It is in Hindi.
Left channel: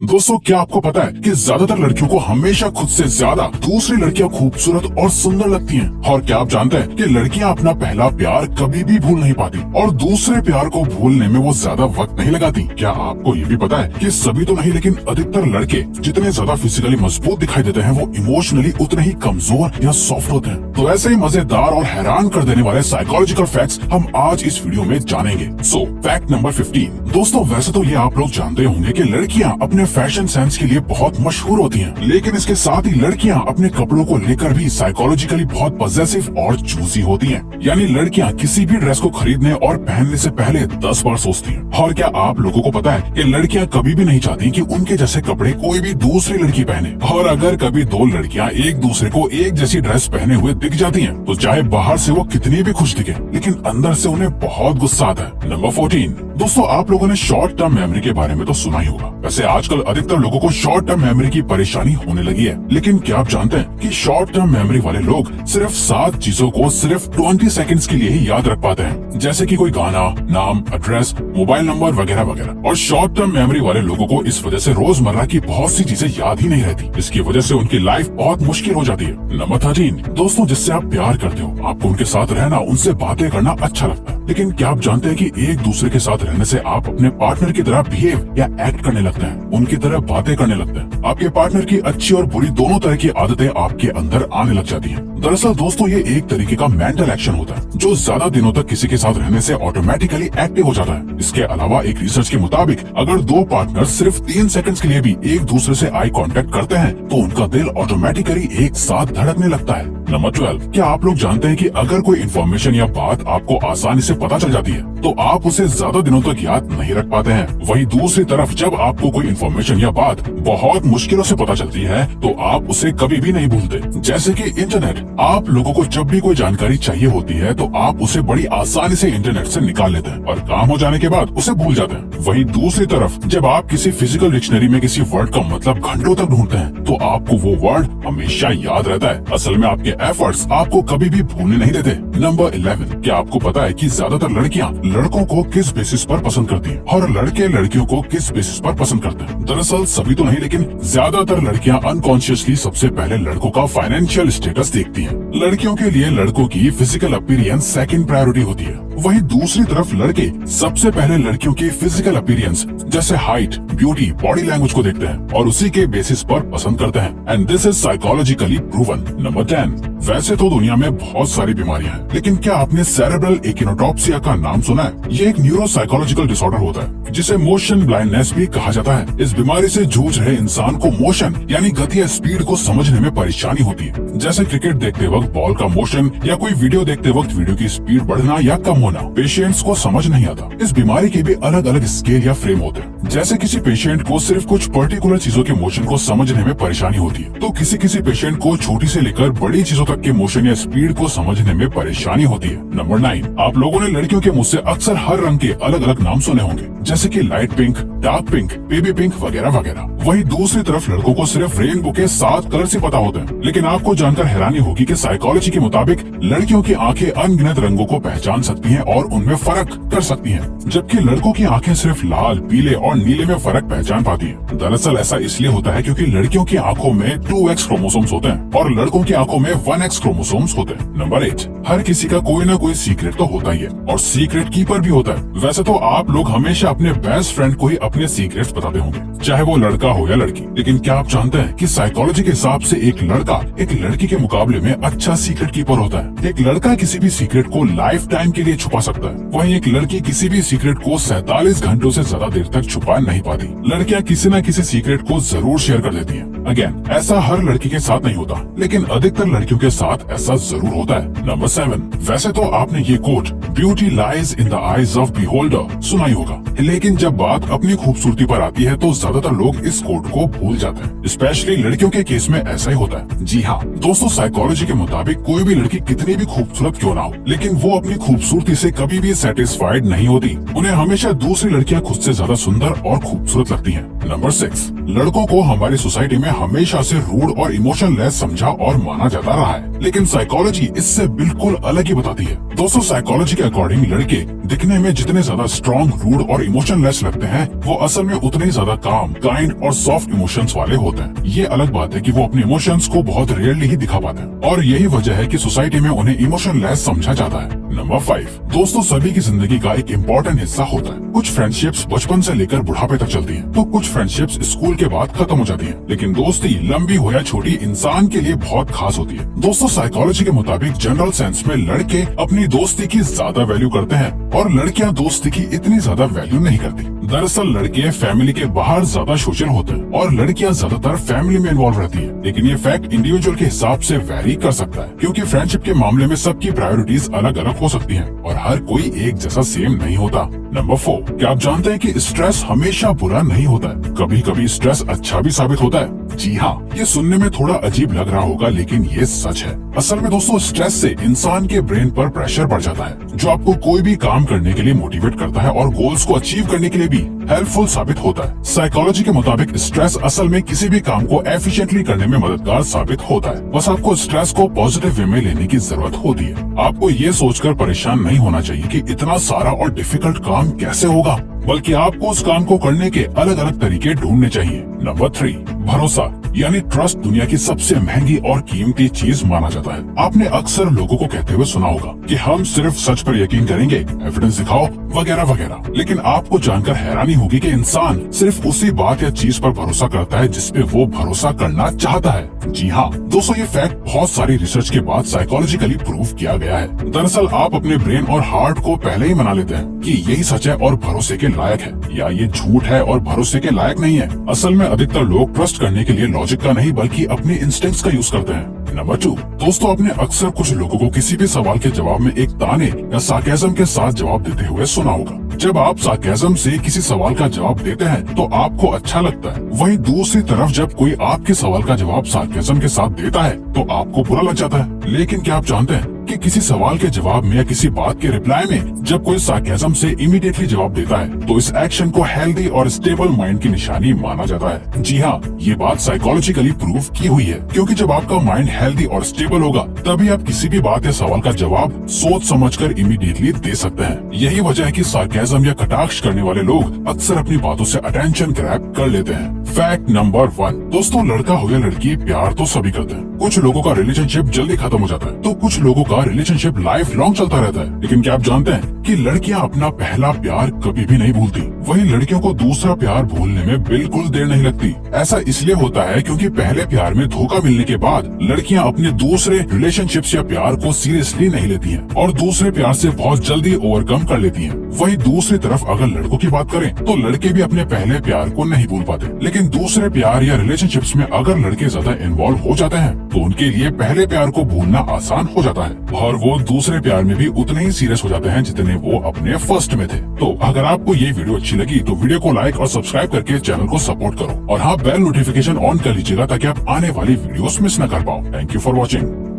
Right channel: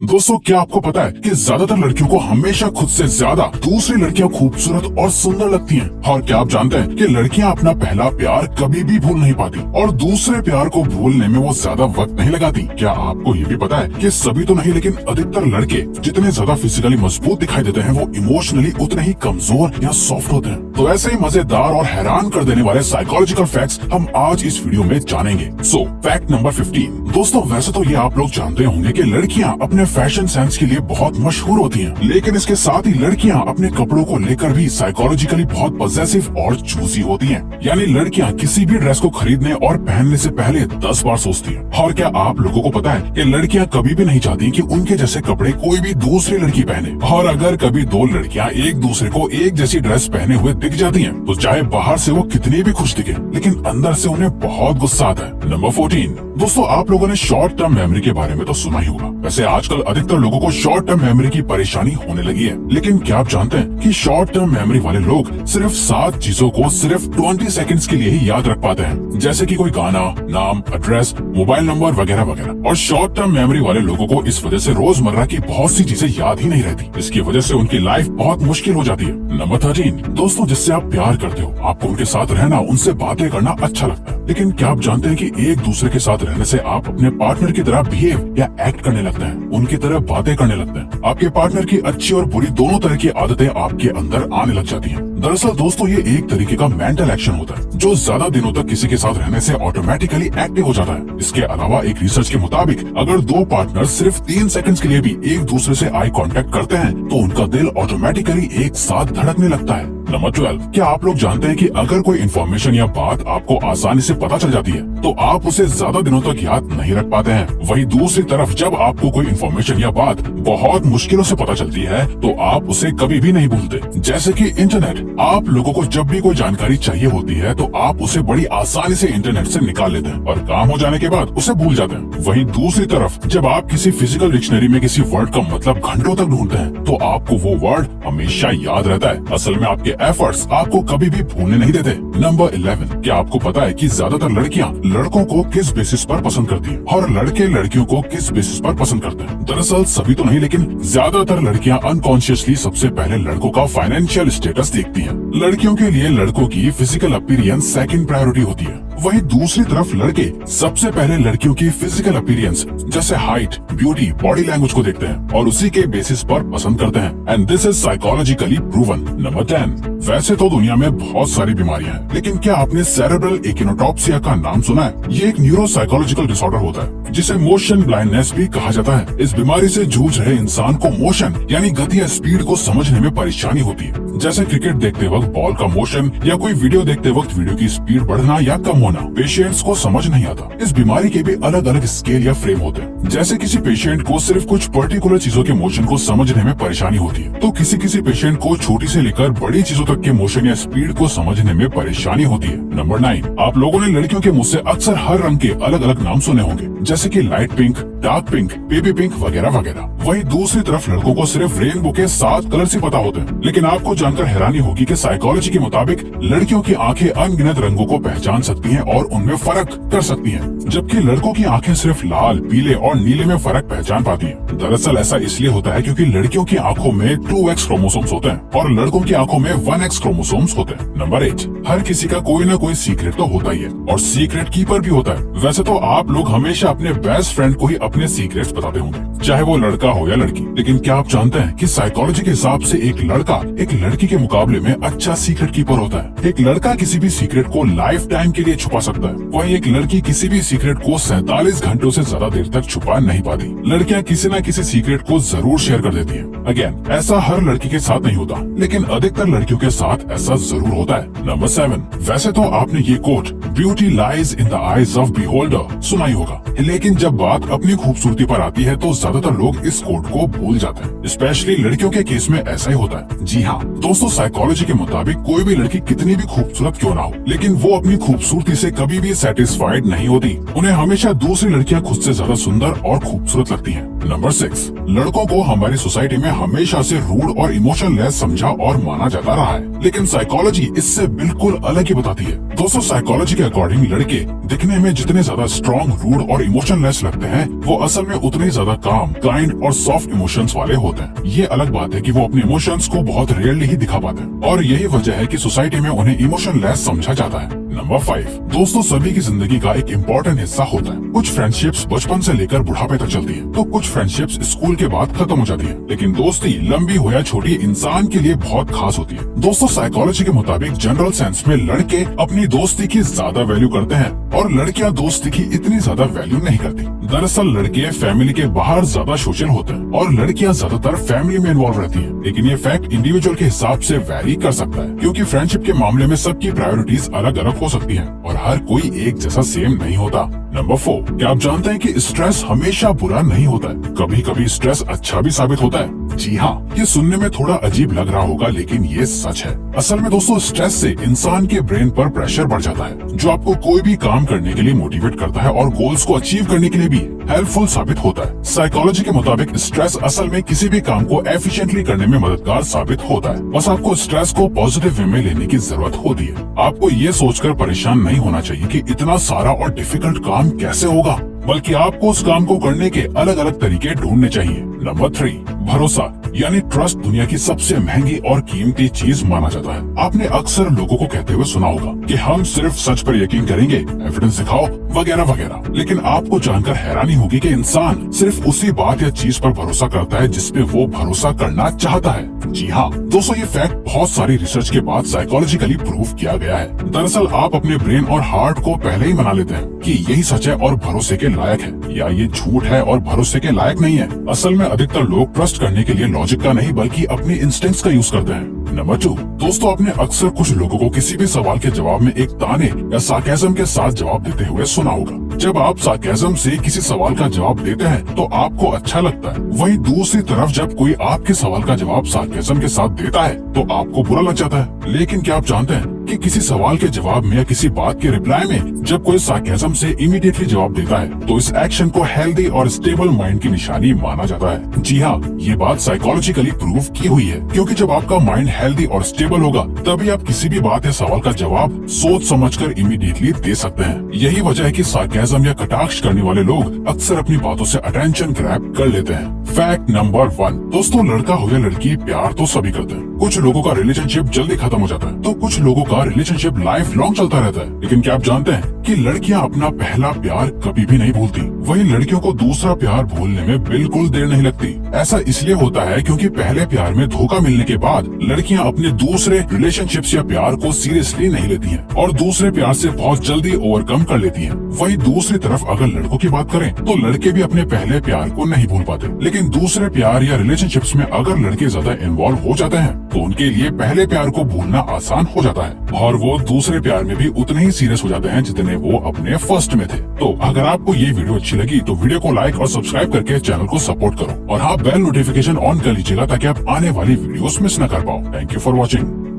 दोस्तों, क्या आपको पता है कि ज्यादातर लड़कियों को हमेशा खुद से ज्यादा दूसरी लड़कियां खूबसूरत और सुंदर लगती हैं। और क्या आप जानते हैं कि लड़कियां अपना पहला प्यार कभी भी भूल नहीं पाती और दूसरे प्यार को भूलने में वो ज्यादा वक्त नहीं लगाती। क्या आपको ये भी पता है कि सभी तो नहीं, लेकिन अधिकतर लड़के जितने ज्यादा फिजिकली मजबूत दिखाई देते हैं, वो इमोशनली उतने ही कमजोर या सॉफ्ट होते हैं। तो ऐसे ही मजेदार और हैरान कर देने वाले साइकोलॉजिकल फैक्ट्स हम आज इस वीडियो में जानेंगे। सो फैक्ट नंबर 15। दोस्तों, वैसे तो ये आप लोग जानते होंगे कि लड़कियां अपने फैशन सेंस के लिए बहुत मशहूर होती हैं, लेकिन इसके साथ ही लड़कियां अपने कपड़ों को लेकर भी साइकोलॉजिकली बहुत पॉसेसिव और चूजी होती हैं। यानी लड़कियां किसी भी ड्रेस को खरीदने और पहनने से पहले 10 बार सोचती हैं। और क्या आप लोगों को पता है कि लड़कियां कभी भी नहीं चाहती कि उनके जैसे कपड़े कोई भी दूसरी लड़की पहने। और अगर कभी दो लड़कियां एक दूसरे को एक जैसी ड्रेस पहने हुए दिख जाती हैं, तो चाहे बाहर से वो कितनी भी खुश दिखे, लेकिन अंदर से उन्हें बहुत गुस्सा आता है। नंबर 14। दोस्तों, आप लोगों ने शॉर्ट टर्म मेमोरी के बारे में तो सुना ही होगा। वैसे आजकल अधिकतर लोगों को शॉर्ट टर्म मेमोरी की परेशानी होने लगी है, लेकिन क्या आप जानते हैं कि शॉर्ट टर्म मेमोरी वाले लोग सिर्फ 7 चीजों को सिर्फ 20 सेकंड्स के लिए ही याद रख पाते हैं, जैसे कि कोई गाना, नाम, एड्रेस, मोबाइल नंबर वगैरह वगैरह। और शॉर्ट टर्म मेमोरी वाले लोगों को इस वजह से रोजमर्रा की बहुत सी चीजें याद ही नहीं रहती। इसकी वजह से उनकी लाइफ बहुत मुश्किल हो जाती है। नंबर 13। दोस्तों, जिससे आप प्यार करते हो, आपको उनके साथ रहना, उनसे बातें करना अच्छा लगता है, लेकिन क्या आप जानते हैं कि एक दूसरे के साथ रहने से आप अपने पार्टनर की तरह बिहेव या एक्ट करने लगते हैं, उनकी तरह बातें करने लगते हैं। आपके पार्टनर की अच्छी और बुरी दोनों तरह की आदतें आपके अंदर आने लग जाती हैं। दरअसल दोस्तों, ये एक तरीके का मेंटल एक्शन होता है जो ज्यादा दिनों तक किसी के साथ रहने से ऑटोमेटिकली एक्टिव हो जाता है। इसके अलावा एक रिसर्च के मुताबिक अगर दो पार्टनर सिर्फ 3 सेकंड्स के लिए भी एक दूसरे से आई कांटेक्ट करते हैं, तो उनका दिल ऑटोमेटिकली एक साथ धड़कने लगता है। नंबर 12। क्या आप लोग जानते हैं कि अगर कोई इन्फॉर्मेशन या बात आपको आसानी से पता चल जाती है, तो आप उसे ज्यादा दिनों तक याद नहीं रख पाते हैं। वहीं दूसरी तरफ जब आपको कोई इन्फॉर्मेशन या बात बहुत मुश्किलों से पता चलती है, तो आप उसे कभी भी नहीं भूलते। जैसे कि इंटरनेट, आप लोगों को जब भी कोई जानकारी चाहिए होती है, तो आप उसे बड़ी आसानी से इंटरनेट से निकाल लेते हैं और काम हो जाने के बाद उसे भूल जाते हैं। वहीं दूसरी तरफ जब आप किसी फिजिकल डिक्शनरी में किसी वर्ड का मतलब घंटों तक ढूंढते हैं, तो आपको वो वर्ड हमेशा याद रहता है। असल में आपके एफर्ट्स आपको कभी भी भूलने नहीं देते। नंबर 11। क्या आपको पता है कि ज्यादातर लड़कियां लड़कों को किस बेसिस पर पसंद करती हैं और लड़के लड़कियों को किस बेसिस पर पसंद करते हैं? दरअसल सभी तो नहीं, लेकिन ज्यादातर लड़कियां अनकॉन्शियसली सबसे पहले लड़कों का फाइनेंशियल स्टेटस देखती हैं। लड़कियों के लिए लड़कों की फिजिकल अपीयरेंस सेकंड प्रायोरिटी होती है। वहीं दूसरी तरफ लड़के सबसे पहले लड़कियों की फिजिकल अपीयरेंस जैसे हाइट, ब्यूटी, बॉडी लैंग्वेज को देखते हैं और उसी के बेसिस पर पसंद करते हैं। And this is psychologically proven. Number 10। वैसे तो दुनिया में बहुत सारी बीमारियां हैं, लेकिन क्या आपने सेरेब्रल एकिनोटॉक्सिया का नाम सुना है? ये एक न्यूरोसाइकोलॉजिकल डिसऑर्डर होता है जिसे मोशन ब्लाइंडनेस भी कहा जाता है। इस बीमारी से जूझ रहे इंसान को मोशन यानी गति या स्पीड को समझने में परेशानी होती है, जैसे क्रिकेट देखते वक्त बॉल का मोशन या कोई वीडियो देखते वक्त वीडियो की स्पीड बढ़ना या कम होना पेशेंट्स को समझ नहीं आता। इस बीमारी के भी अलग अलग स्केल या फ्रेम होते हैं। जैसे किसी पेशेंट को सिर्फ कुछ पर्टिकुलर चीजों के मोशन को समझने में परेशानी होती है, तो किसी पेशेंट को छोटी से लेकर बड़ी चीजों तक के मोशन या स्पीड को समझने में परेशानी होती है। नंबर 9। आप लोगों ने लड़कियों के मुंह से अक्सर हर रंग के अलग अलग नाम सुने होंगे, जैसे कि light pink, dark pink, baby pink वगैरह वगैरह। वहीं दूसरी तरफ लड़कों को सिर्फ रेनबो के 7 कलर ही पता होते हैं। लेकिन आपको जानकर हैरानी होगी कि साइकोलॉजी के मुताबिक लड़कियों की आंखें अनगिनत रंगों को पहचान सकती हैं और उनमें फर्क कर सकती हैं, जबकि लड़कों की आंखें सिर्फ लाल, पीले और नीले में फर्क पहचान पाती हैं। दरअसल ऐसा इसलिए होता है क्योंकि लड़कियों की आंखों में 2X क्रोमोसोम्स होते हैं और लड़कों की आंखों में 1X क्रोमोसोम्स होते हैं। नंबर 8। हर किसी का कोई ना कोई सीक्रेट तो होता ही है और सीक्रेट कीपर भी होता है। वैसे तो आप लोग हमेशा अपने बेस्ट फ्रेंड को ही अपने सीक्रेट्स बताते होंगे, चाहे वो लड़का हो या लड़की। लेकिन क्या आप जानते हैं कि साइकोलॉजी के हिसाब से एक लड़का एक लड़की के मुकाबले में अच्छा सीक्रेट कीपर होता है। एक लड़का किसी भी सीक्रेट को लाइफ टाइम के लिए छुपा सकता है, वहीं एक लड़की किसी भी सीक्रेट को 47 घंटों से ज्यादा देर तक छुपा नहीं पाती। लड़कियां किसी न किसी सीक्रेट को जरूर शेयर कर देती हैं। अगेन, ऐसा हर लड़की के साथ नहीं होता, लेकिन अधिकतर लड़कियों के साथ ऐसा जरूर होता है। नंबर 7। वैसे तो आपने ये quote beauty lies in the eyes of beholder सुना ही होगा, लेकिन जब बात अपनी खूबसूरती पर आती है तो ज्यादातर लोग इस कोट को भूल जाते हैं। स्पेशली लड़कियों के केस में ऐसा ही होता है। जी हाँ दोस्तों, साइकोलॉजी के मुताबिक कोई भी लड़की कितनी भी खूबसूरत क्यों ना हो, लेकिन वो अपनी खूबसूरती से कभी भी सेटिस्फाइड नहीं होती। उन्हें हमेशा दूसरी लड़कियां खुद से ज्यादा सुंदर और खूबसूरत लगती हैं। नंबर 6। लड़कों को हमारी सोसाइटी में हमेशा से रूड और इमोशनलेस समझा और माना जाता रहा है। लेकिन साइकोलॉजी इससे बिल्कुल अलग ही बताती है। दोस्तों साइकोलॉजी के अकॉर्डिंग लड़के दिखने में जितने ज्यादा स्ट्रॉन्ग, रूड और इमोशनलेस लगते हैं वो असल में उतने ही ज्यादा काम, काइंड और सॉफ्ट इमोशंस वाले होते हैं। ये अलग बात है कि वो अपने इमोशंस को बहुत रेयरली ही दिखा पाते हैं और यही वजह है कि सोसाइटी में उन्हें इमोशनलेस समझा जाता है। नंबर 5, दोस्तों सभी की जिंदगी का एक इम्पोर्टेंट हिस्सा होता है। कुछ फ्रेंडशिप्स बचपन से लेकर बुढ़ापे तक चलती है, तो कुछ फ्रेंडशिप्स स्कूल के बाद खत्म हो जाती है। लेकिन दोस्ती लंबी हो या छोटी इंसान के लिए बहुत खास होती है। दोस्तों साइकोलॉजी के मुताबिक जनरल सेंस में लड़के अपनी दोस्ती की ज्यादा वैल्यू करते हैं और लड़कियां दोस्ती की इतनी ज्यादा वैल्यू नहीं करती। दरअसल लड़के फैमिली के बाहर ज्यादा सोशल होते हैं और लड़कियां ज्यादातर फैमिली में इन्वॉल्व रहती है। लेकिन ये फैक्ट इंडिविजुअल के हिसाब से वैरी कर सकता है, क्योंकि फ्रेंडशिप के मामले में सबकी प्रायोरिटीज अलग अलग हो सकती हैं और हर कोई एक जैसा सेम नहीं होता। नंबर 4, क्या आप जानते हैं कि स्ट्रेस हमेशा बुरा नहीं होता है, कभी कभी स्ट्रेस अच्छा भी साबित होता है। जी हाँ, ये सुनने में थोड़ा अजीब लग रहा होगा लेकिन ये सच है। असल में दोस्तों स्ट्रेस से इंसान के ब्रेन पर प्रेशर बढ़ जाता है, जो आपको कोई भी काम करने के लिए मोटिवेट करता है और गोल्स को अचीव करने के लिए भी हेल्पफुल साबित होता है। साइकोलॉजी के मुताबिक स्ट्रेस असल में किसी भी काम को एफिशिएंटली करने में मददगार साबित होता है। बस आपको स्ट्रेस को पॉजिटिव वे में लेने की जरूरत होती है। आपको ये सोचकर परेशान नहीं होना चाहिए कि इतना सारा और डिफिकल्ट काम कैसे होगा, बल्कि आपको उस काम को करने के अलग अलग तरीके ढूंढने चाहिए। नंबर 3, भरोसा यानी ट्रस्ट दुनिया की सबसे महंगी और कीमती चीज माना जाता है। आपने अक्सर लोगों को कहते हुए सुना होगा कि हम सिर्फ सच पर यकीन करेंगे, एविडेंस दिखाओ वगैरह वगैरह। लेकिन आपको जानकर हैरानी होगी कि इंसान सिर्फ उसी बात या चीज पर भरोसा करता है जिस पे वो भरोसा करना चाहता है। जी हाँ दोस्तों, ये फैक्ट बहुत सारी रिसर्च के बाद साइकोलॉजिकली प्रूव किया गया है। दरअसल आप अपने ब्रेन और हार्ट को पहले ही मना लेते हैं कि यही सच है और भरोसे के लायक है, या ये झूठ है और भरोसे के लायक नहीं है। असल में अधिकतर लोग ट्रस्ट करने के लिए लॉजिक का नहीं बल्कि अपने इंस्टिंक्ट्स का यूज करते हैं। नंबर 2, दोस्तों आपने अक्सर कुछ लोगों को किसी भी सवाल के जवाब में एक ताने या सार्केज्म के साथ जवाब देते हुए सुना होगा। जब आप सार्केज्म से किसी सवाल का जवाब देते हैं तो आपको अच्छा लगता है, वहीं दूसरी तरफ जब कोई आपके सवाल का जवाब सार्केज्म के साथ देता है तो आपको बुरा लग जाता है। लेकिन क्या आप जानते हैं कि किसी सवाल के जवाब में या किसी बात के रिप्लाई में जब कोई सार्केज्म से इमीडिएटली जवाब देता है तो इस एक्शन को हेल्दी और स्टेबल माइंड की निशानी माना जाता है। जी हाँ, ये बात साइकोलॉजिकली प्रूव की हुई है, क्योंकि जब आपका माइंड हेल्दी और स्टेबल होगा तभी आप किसी भी बात या सवाल का जवाब सोच समझकर इमीडिएटली दे सकते हैं। यही वजह है कि सार्केज्म या कटाक्ष करने वाले लोग अक्सर अपनी बातों से अटेंशन ग्रैब कर लेते हैं। फैक्ट नंबर 1, दोस्तों लड़का हो या लड़की प्यार तो सभी करते हैं। कुछ लोगों का रिलेशनशिप जल्दी खत्म हो जाता है तो कुछ लोगों का रिलेशनशिप लाइफ लॉन्ग चलता रहता है। लेकिन क्या आप जानते हैं कि लड़कियां अपना पहला प्यार कभी भी नहीं भूलती, वहीं लड़कियों को दूसरा प्यार भूलने में बिल्कुल देर नहीं लगती। ऐसा इसलिए होता है क्योंकि पहले प्यार में धोखा मिलने के बाद लड़कियां अपने दूसरे रिलेशनशिप्स या प्यार को सीरियसली नहीं लेती हैं और दूसरे प्यार से बहुत जल्दी ओवरकम कर लेती हैं। वहीं दूसरी तरफ अगर लड़कों की बात करें तो लड़के भी अपने पहले प्यार को नहीं भूल पाते, लेकिन दूसरे प्यार या रिलेशनशिप्स में अगर लड़के ज्यादा इन्वॉल्व हो जाते हैं तो उनके लिए पहले प्यार को भूलना आसान हो जाता है और वो दूसरे प्यार में भी उतने ही सीरियस हो जाते हैं जितने वो अपने फर्स्ट में थे। तो अगर आपको ये वीडियो अच्छी लगी तो वीडियो को लाइक और सब्सक्राइब करके चैनल को सपोर्ट करो और हाँ बेल नोटिफिकेशन ऑन कर लीजिएगा ताकि आप आने वाली वीडियोस मिस न कर पाओ। Thank you for watching.